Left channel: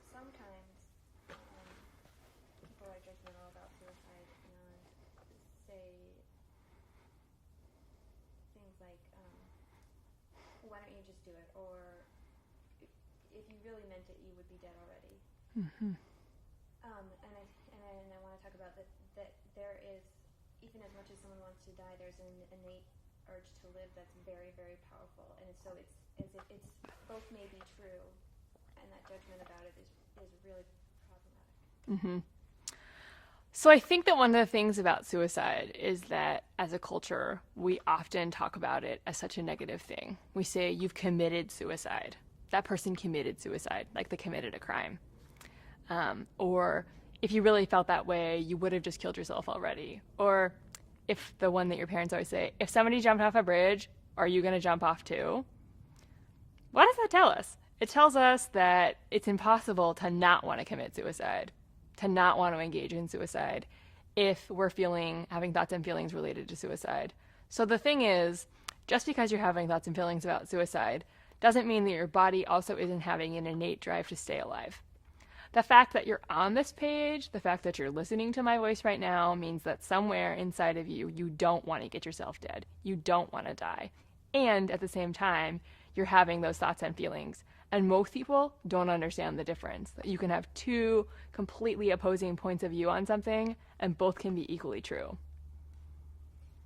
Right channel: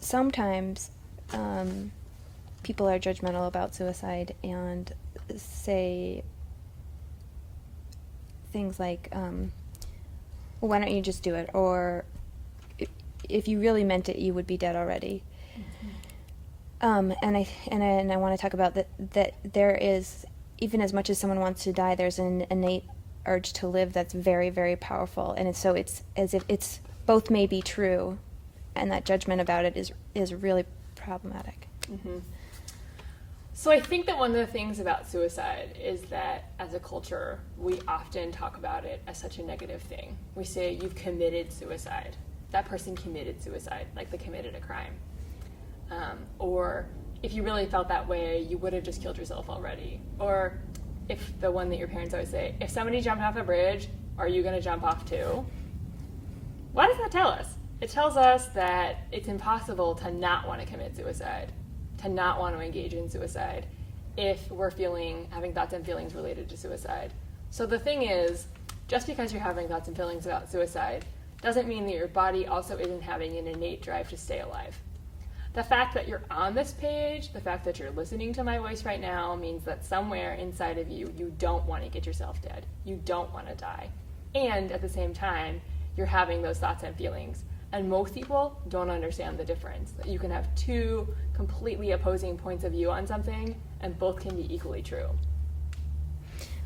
sometimes people are judgmental about suicide and say things like, well, why don't you just do it? Or if you really meant it, you would be dead already. And I want to talk about that there is, even as much as someone wants to die, there's an innate urge to live that's very, very powerful. And it's as if it's both may be true, and that judgment about it is really problematic. Mm-hmm. So I think that one of the things about suicide is that as a culture, we often talk about it as such a negative thing. We say, you've committed suicide. That person committed suicide, like they committed a crime. Or if you really felt that way, you would have just killed yourself already. Or if the one that your parents always say, if somebody jumped off a bridge, are you going to jump off too? What does that tell us? It tells us that it's impossible to not want to commit suicide, to not want to engage in suicide, if we're having thoughts and feelings related to suicide. So the thing is, just because you're having thoughts and feelings about suicide doesn't mean that your body also isn't having an innate drive to stay alive. The fact that you're on this page, the fact that you're listening to my voice right now, means that somewhere inside of you, you don't want to get yourself dead. You don't want to die. And at the same time, you're having those thoughts and feelings. And most people don't understand the difference. You can have two completely opposing points of view on something, and both can be equally true.